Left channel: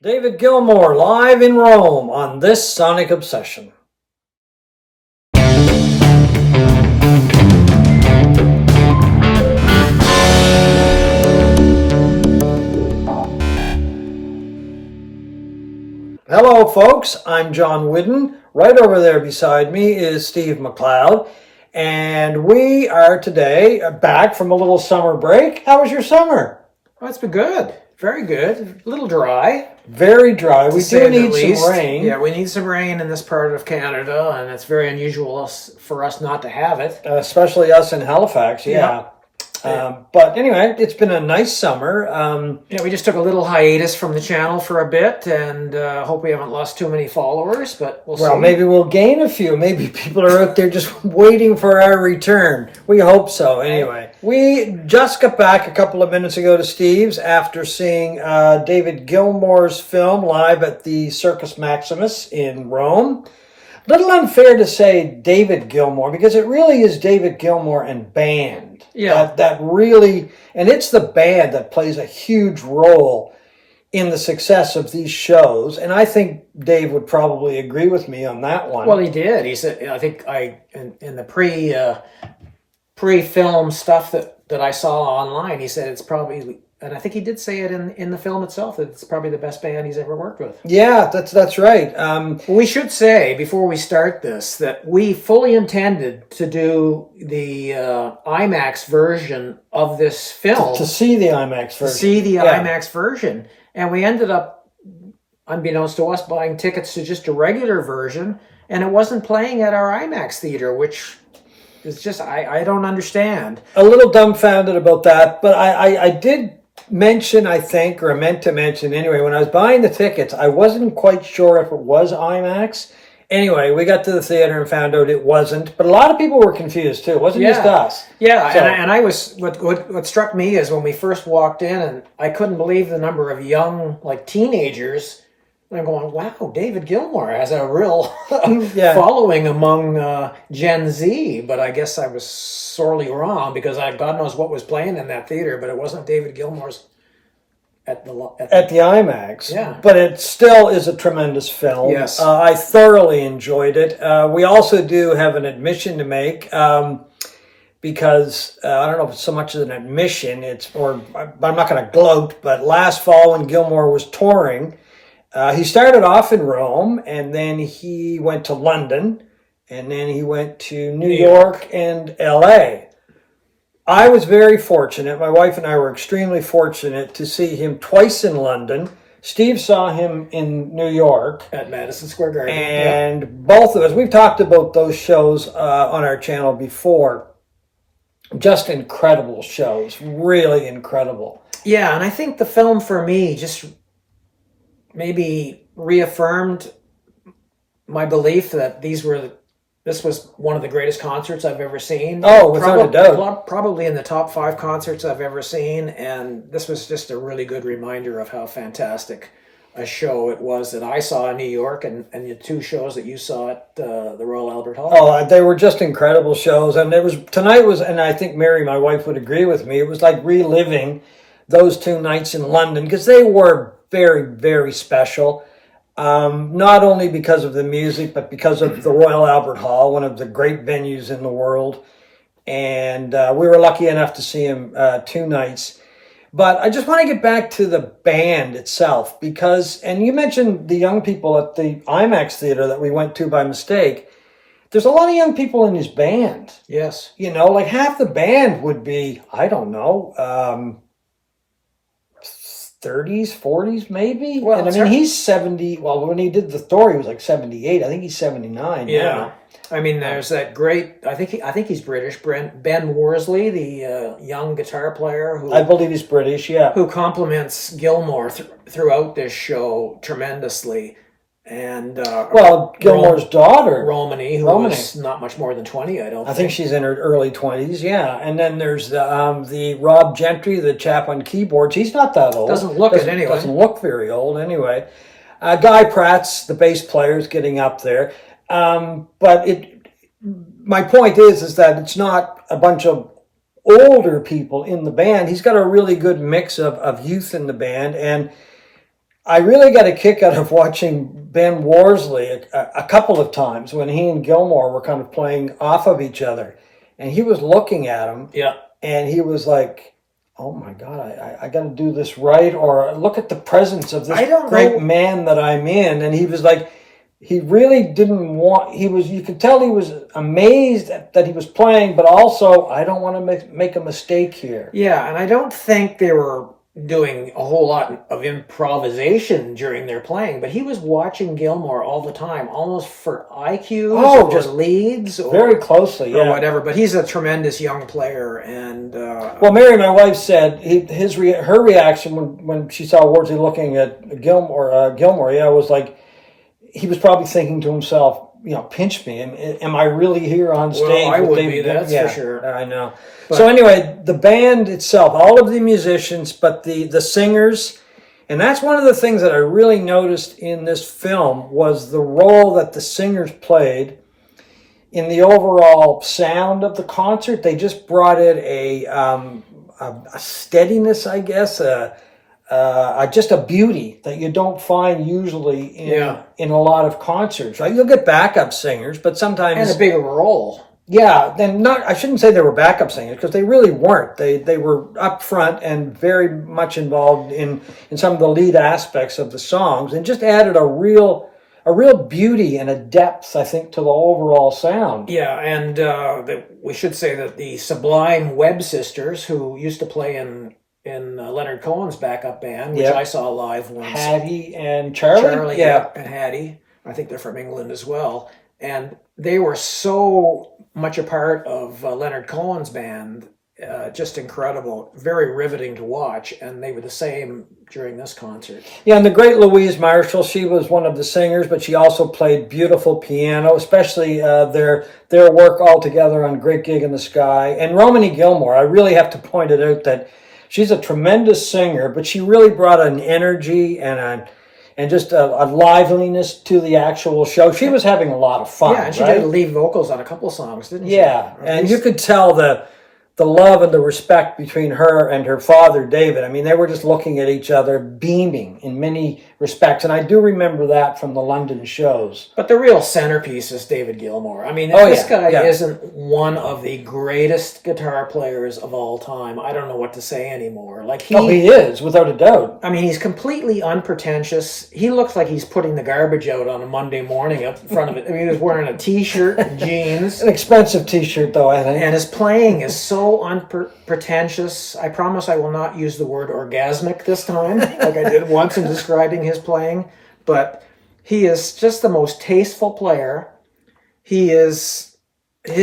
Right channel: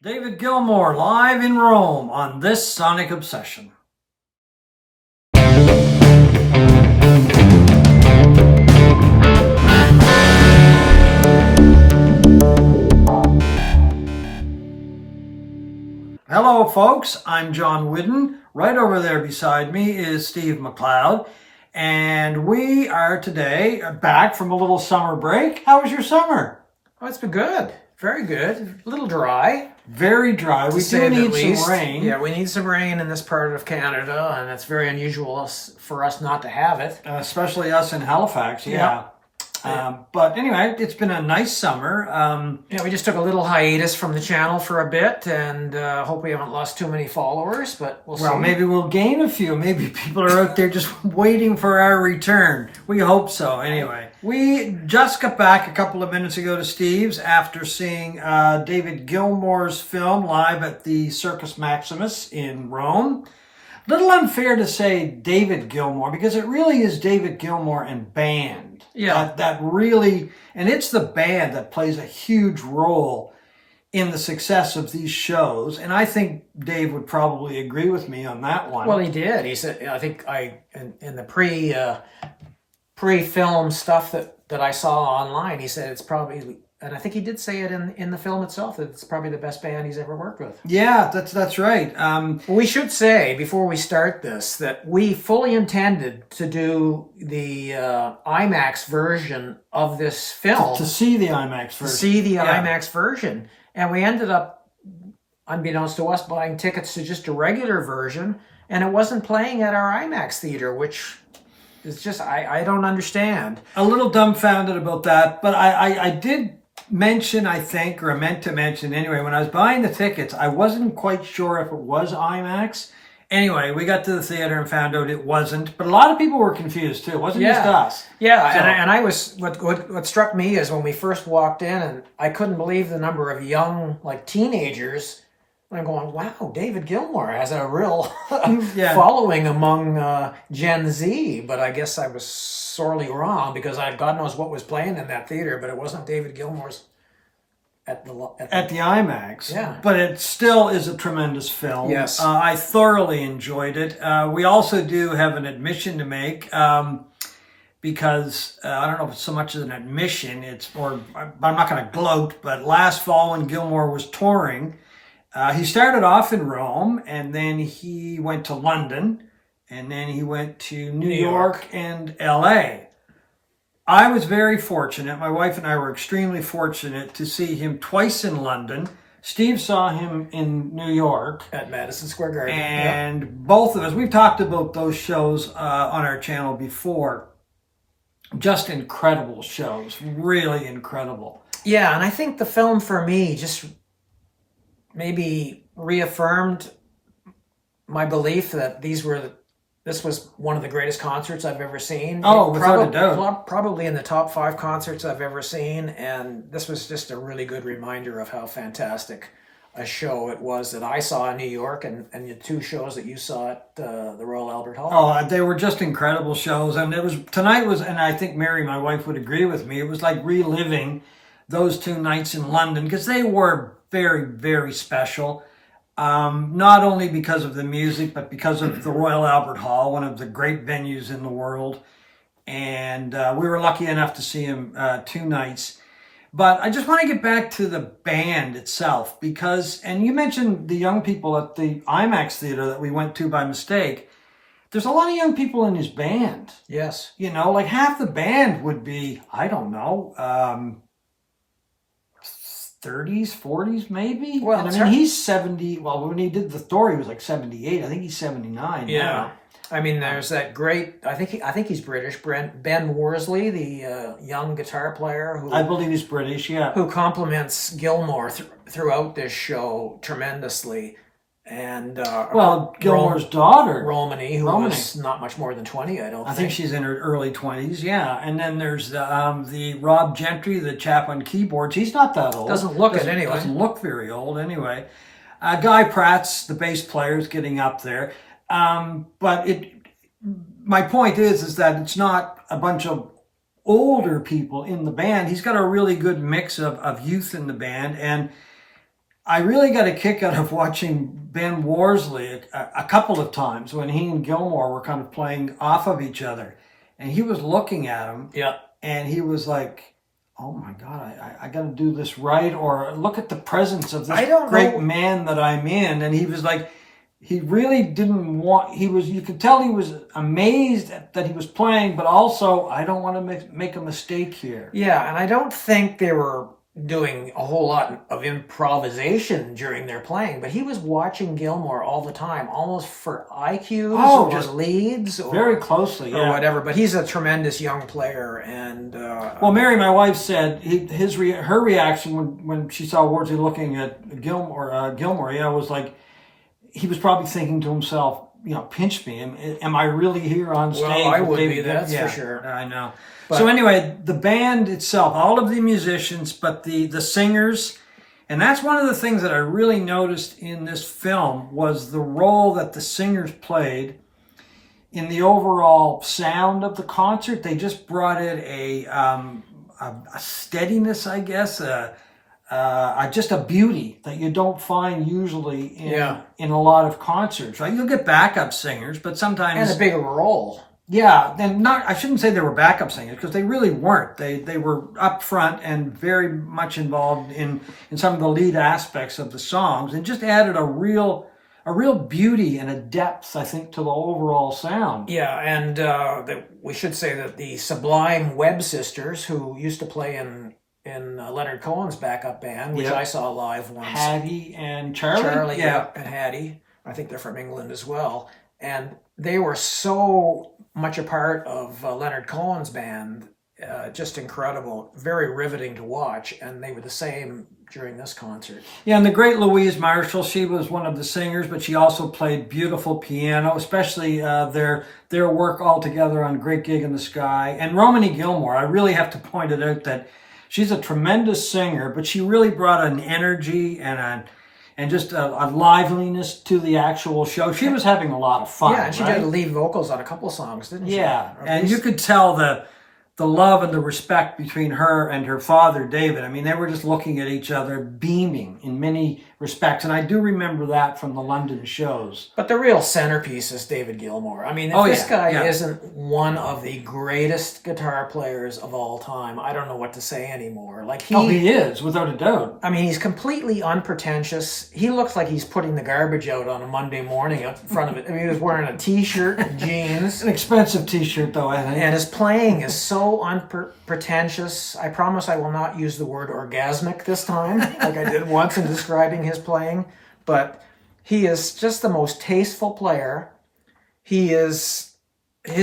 David Gilmour live in Rome on this Sonic Obsession. Hello, folks. I'm John Whidden. Right over there beside me is Steve McLeod. And we are today back from a little summer break. How was your summer? Well, it's been good. Very good. A little dry. Very dry. We do need some rain. Yeah, we need some rain in this part of Canada, and it's very unusual for us not to have it. Especially us in Halifax, yeah. But anyway, it's been a nice summer. Yeah, we just took a little hiatus from the channel for a bit, and hope we haven't lost too many followers, but we'll see. Well, maybe we'll gain a few. Maybe people are out there just waiting for our return. We hope so, anyway. We just got back a couple of minutes ago to Steve's after seeing David Gilmour's film live at the Circus Maximus in Rome. Little unfair to say David Gilmour, because it really is David Gilmour and band. Yeah. That really, and it's the band that plays a huge role in the success of these shows. And I think Dave would probably agree with me on that one. Well, he did. He said, I think in the pre-film stuff that I saw online, he said it's probably, and I think he did say it in the film itself, that it's probably the best band he's ever worked with. Yeah, that's right. We should say, before we start this, that we fully intended to do the IMAX version of this film. To see the IMAX version. To see the IMAX version. And we ended up, unbeknownst to us, buying tickets to just a regular version, and it wasn't playing at our IMAX theater, which is just, I don't understand. A little dumbfounded about that, but I did mention, I think, or I meant to mention anyway, when I was buying the tickets, I wasn't quite sure if it was IMAX. Anyway, we got to the theater and found out it wasn't, but a lot of people were confused too. It wasn't just us. Yeah, so, and I was, what struck me is when we first walked in, and I couldn't believe the number of young, like teenagers. I'm going, wow, David Gilmour has a real following among Gen Z, but I guess I was sorely wrong, because God knows what was playing in that theater, but it wasn't David Gilmour's at the IMAX. Yeah. But it still is a tremendous film. Yes. I thoroughly enjoyed it. We also do have an admission to make, because I don't know if it's so much as an admission, I'm not going to gloat, but last fall when Gilmour was touring, he started off in Rome, and then he went to London, and then he went to New York and LA. I was very fortunate. My wife and I were extremely fortunate to see him twice in London. Steve saw him in New York. At Madison Square Garden. And both of us, we've talked about those shows on our channel before. Just incredible shows. Really incredible. Yeah, and I think the film for me just maybe reaffirmed my belief that this was one of the greatest concerts I've ever seen. Oh, without a doubt. Probably in the top 5 concerts I've ever seen, and this was just a really good reminder of how fantastic a show it was that I saw in New York, and the 2 shows that you saw at the Royal Albert Hall. Oh, they were just incredible shows, and tonight was, and I think Mary, my wife, would agree with me, it was like reliving those 2 nights in London, because they were very, very special. Not only because of the music, but because of the Royal Albert Hall, one of the great venues in the world. And we were lucky enough to see him 2 nights. But I just want to get back to the band itself, because, and you mentioned the young people at the IMAX theater that we went to by mistake. There's a lot of young people in his band. Yes. You know, like half the band would be, I don't know, 30s, 40s, maybe. Well, and I mean, he's 70. Well, when he did the Thor, he was like 78. I think he's 79. Yeah. I mean, there's that great, I think he's British, Ben Worsley, the young guitar player who, I believe he's British, yeah. Who compliments Gilmour throughout this show tremendously. And Gilmour's daughter, Romany, who was not much more than 20, I think. I think she's in her early 20s, yeah. And then there's the Rob Gentry, the chap on keyboards. He's not that old. Doesn't look it anyway. Doesn't look very old anyway. Guy Pratt's the bass player, is getting up there. But my point is that it's not a bunch of older people in the band. He's got a really good mix of youth in the band, and I really got a kick out of watching Ben Worsley a couple of times when he and Gilmour were kind of playing off of each other. And he was looking at him. Yeah. And he was like, oh my God, I got to do this right. Or look at the presence of this great man that I'm in. And he was like, he really didn't want, you could tell he was amazed that he was playing, but also, I don't want to make a mistake here. Yeah, and I don't think they were doing a whole lot of improvisation during their playing, but he was watching Gilmour all the time, almost for IQs or just leads. Or, very closely, or whatever, but he's a tremendous young player. And well, Mary, my wife, said her reaction when she saw Worsley looking at Gilmour, yeah, was like, he was probably thinking to himself, pinch me. Am I really here on stage? Well, I would be, that's for sure. I know. But, so anyway, the band itself, all of the musicians, but the singers, and that's one of the things that I really noticed in this film was the role that the singers played in the overall sound of the concert. They just brought it a steadiness, I guess, just a beauty that you don't find usually in a lot of concerts. Right? You'll get backup singers, but sometimes and a bigger role. Yeah, then I shouldn't say they were backup singers because they really weren't. They were up front and very much involved in some of the lead aspects of the songs, and just added a real beauty and a depth, I think, to the overall sound. Yeah, and we should say that the Sublime Webb sisters, who used to play in Leonard Cohen's backup band, which I saw live once. Hattie and Charlie? Yeah, and Hattie. I think they're from England as well. And they were so much a part of Leonard Cohen's band, just incredible, very riveting to watch. And they were the same during this concert. Yeah, and the great Louise Marshall, she was one of the singers, but she also played beautiful piano, especially their work all together on Great Gig in the Sky. And Romany Gilmour, I really have to point it out that she's a tremendous singer, but she really brought an energy and just a liveliness to the actual show. She was having a lot of fun. Yeah, and she did lead vocals on a couple songs, didn't she? Yeah, and you could tell the love and the respect between her and her father, David. I mean, they were just looking at each other, beaming in many respects. And I do remember that from the London shows. But the real centerpiece is David Gilmour. I mean, if this guy isn't one of the greatest guitar players of all time, I don't know what to say anymore. He is, without a doubt. I mean, he's completely unpretentious. He looks like he's putting the garbage out on a Monday morning out in front of it. I mean, he was wearing a T-shirt and jeans. An expensive T-shirt, though, I think. And his playing is so unpretentious. I promise I will not use the word orgasmic this time, like I did once in describing his playing. But he is just the most tasteful player. His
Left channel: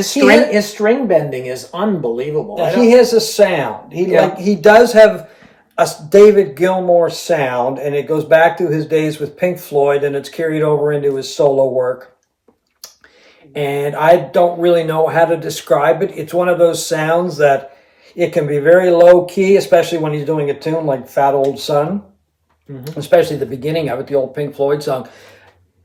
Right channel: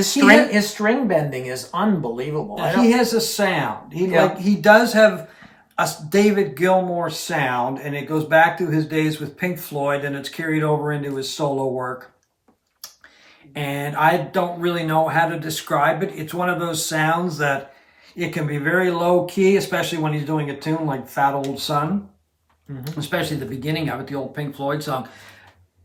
string bending is unbelievable. He has a sound. He does have a David Gilmour sound, and it goes back to his days with Pink Floyd, and it's carried over into his solo work. And I don't really know how to describe it. It's one of those sounds that it can be very low key, especially when he's doing a tune like Fat Old Son, especially the beginning of it, the old Pink Floyd song.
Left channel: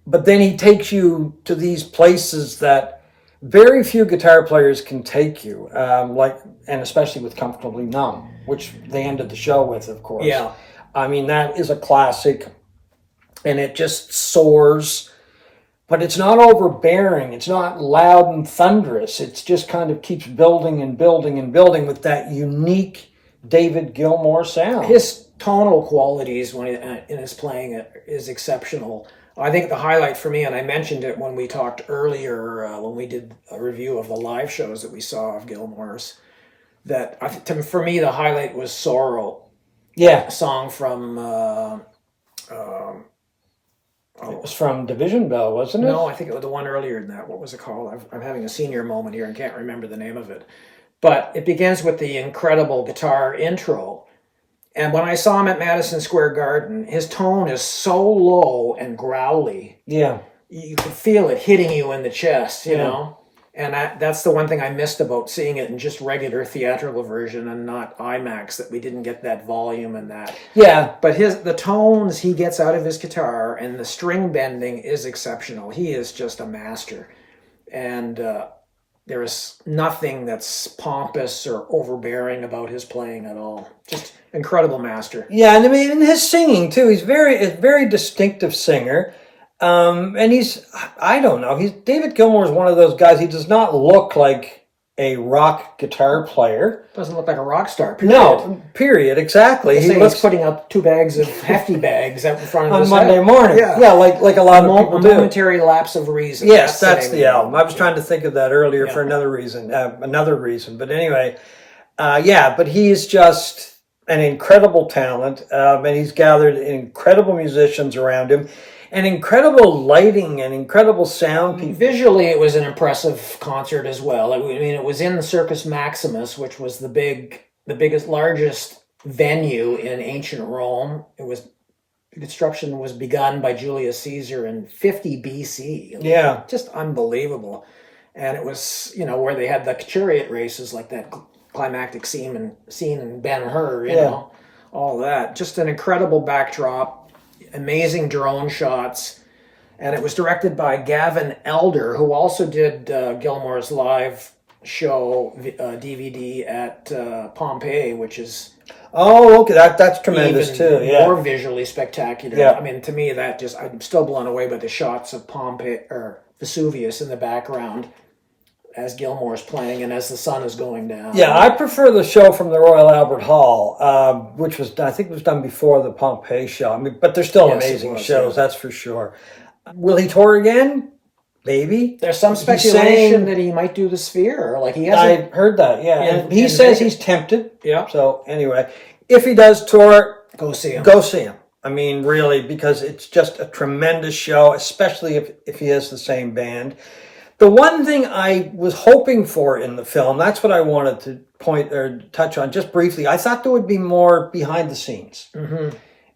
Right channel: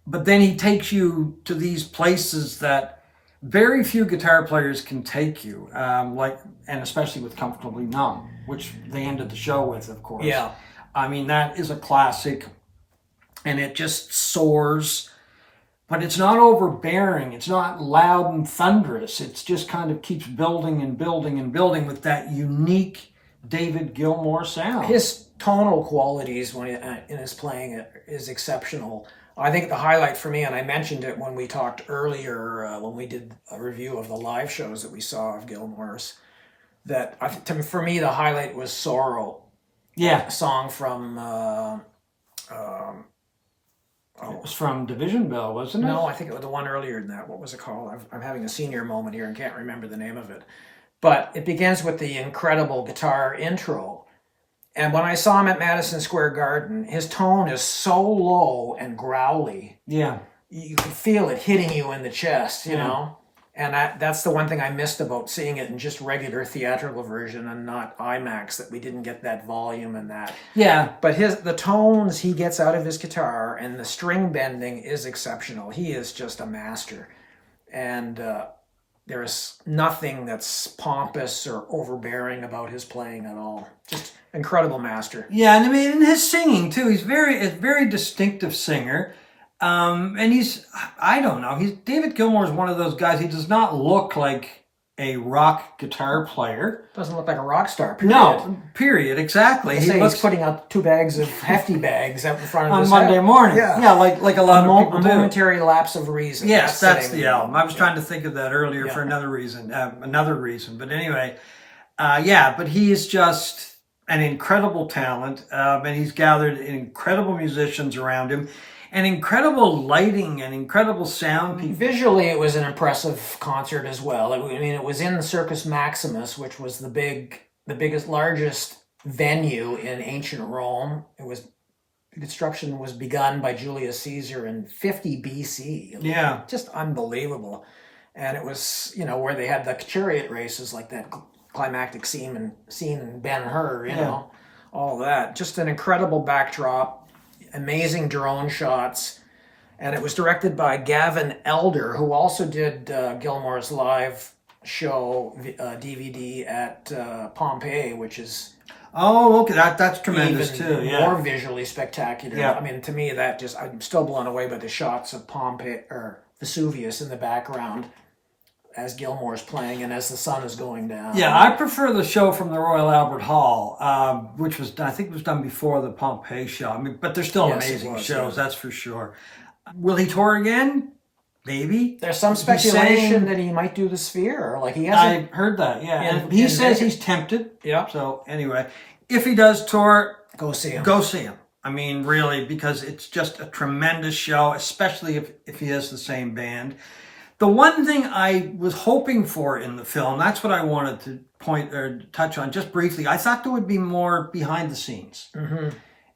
But then he takes you to these places that very few guitar players can take you, and especially with Comfortably Numb, which they ended the show with, of course. Yeah. I mean, that is a classic, and it just soars. But it's not overbearing. It's not loud and thunderous. It just kind of keeps building and building and building with that unique David Gilmour sound. His tonal qualities in his playing is exceptional. I think the highlight for me, and I mentioned it when we talked earlier, when we did a review of the live shows that we saw of Gilmour's, that for me the highlight was Sorrow. Yeah. A song from... It was from Division Bell, wasn't it? No, I think it was the one earlier than that. What was it called? I'm having a senior moment here and can't remember the name of it. But it begins with the incredible guitar intro. And when I saw him at Madison Square Garden, his tone is so low and growly. Yeah. You can feel it hitting you in the chest, you know? And that's the one thing I missed about seeing it in just regular theatrical version and not IMAX, that we didn't get that volume and that. Yeah. But the tones he gets out of his guitar and the string bending is exceptional. He is just a master. And there is nothing that's pompous or overbearing about his playing at all. Just incredible master. Yeah, and I mean, in his singing too, he's a very distinctive singer. And I don't know, David Gilmour is one of those guys. He does not look like a rock guitar player. Doesn't look like a rock star. Period. No, period. Exactly. He's putting up 2 bags of hefty bags out in front of his on Monday morning. Yeah, like a lot of people do. A momentary lapse of reason. Yes, that's the album. I was trying to think of that earlier for another reason. But anyway, but he's just an incredible talent, and he's gathered incredible musicians around him. And incredible lighting and incredible sound. Visually, it was an impressive concert as well. I mean, it was in the Circus Maximus, which was the biggest, largest venue in ancient Rome. Construction was begun by Julius Caesar in 50 BC. Yeah, just unbelievable. And it was, where they had the chariot races, like that climactic scene in Ben-Hur. You know, all that. Just an incredible backdrop. Amazing drone shots, and it was directed by Gavin Elder, who also did Gilmour's live show DVD at Pompeii, which is okay, that's tremendous too. Yeah, more visually spectacular. Yeah, I mean, to me, I'm still blown away by the shots of Pompeii or Vesuvius in the background as Gilmour's playing and as the sun is going down. Yeah, I prefer the show from the Royal Albert Hall, which I think was done before the Pompeii show. I mean, but they're still amazing shows, that's for sure. Will he tour again? Maybe. There's some speculation that he might do the Sphere. Like he hasn't. I heard that. Yeah, and he says he's tempted. Yeah. So anyway, if he does tour, go see him. Go see him. I mean, really, because it's just a tremendous show, especially if he has the same band. The one thing I was hoping for in the film, that's what I wanted to touch on just briefly. I thought there would be more behind the scenes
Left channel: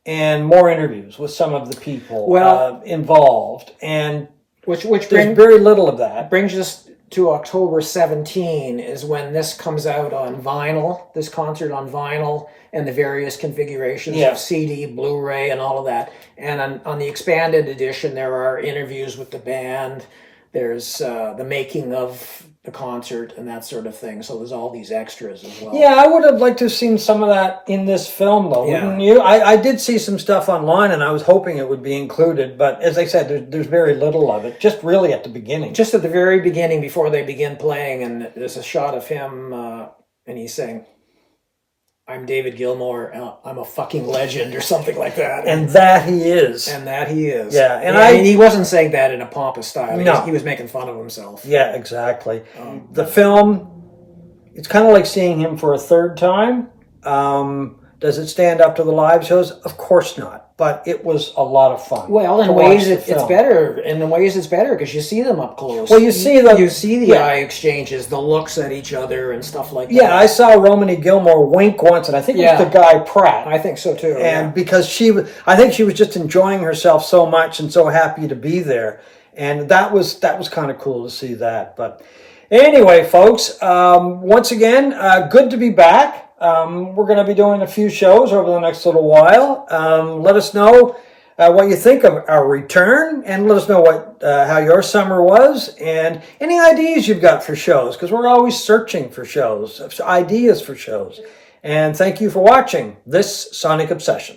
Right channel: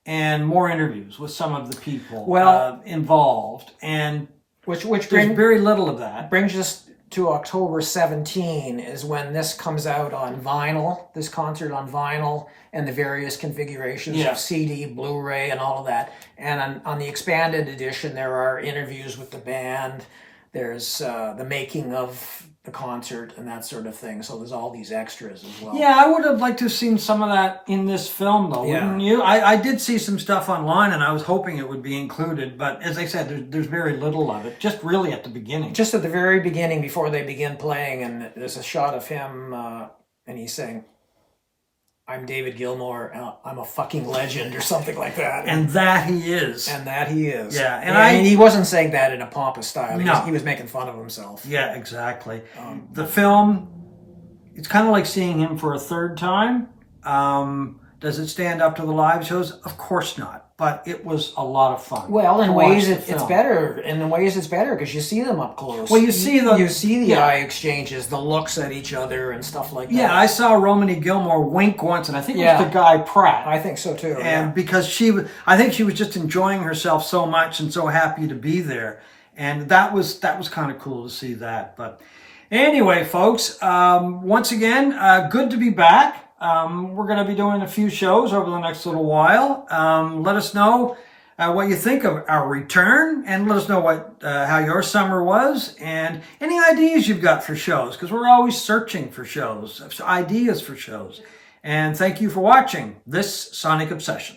and more interviews with some of the people involved. And which there's very little of that. Brings us to October 17 is when this comes out on vinyl, this concert on vinyl and the various configurations of CD, Blu-ray, and all of that. And on the expanded edition, there are interviews with the band. There's the making of the concert and that sort of thing. So there's all these extras as well. Yeah, I would have liked to have seen some of that in this film, though, wouldn't you? I did see some stuff online, and I was hoping it would be included. But as I said, there's very little of it, just really at the beginning. Just at the very beginning, before they begin playing, and there's a shot of him, and he's saying, "I'm David Gilmour, I'm a fucking legend," or something like that. And that he is. Yeah, and he wasn't saying that in a pompous style. No. He was making fun of himself. Yeah, exactly. The film, it's kind of like seeing him for a third time. Does it stand up to the live shows? Of course not. But it was a lot of fun. Well, in ways it's better. In ways it's better because you see them up close. Well, you see the eye exchanges, the looks at each other and stuff like that. Yeah, I saw Romany Gilmour wink once, and I think it was the guy Pratt. I think so too. And because I think she was just enjoying herself so much and so happy to be there, and that was kind of cool to see that. But anyway, folks, once again, good to be back. We're going to be doing a few shows over the next little while. Let us know what you think of our return, and let us know how your summer was, and any ideas you've got for shows, because we're always searching for shows, ideas for shows. And thank you for watching this Sonic Obsession.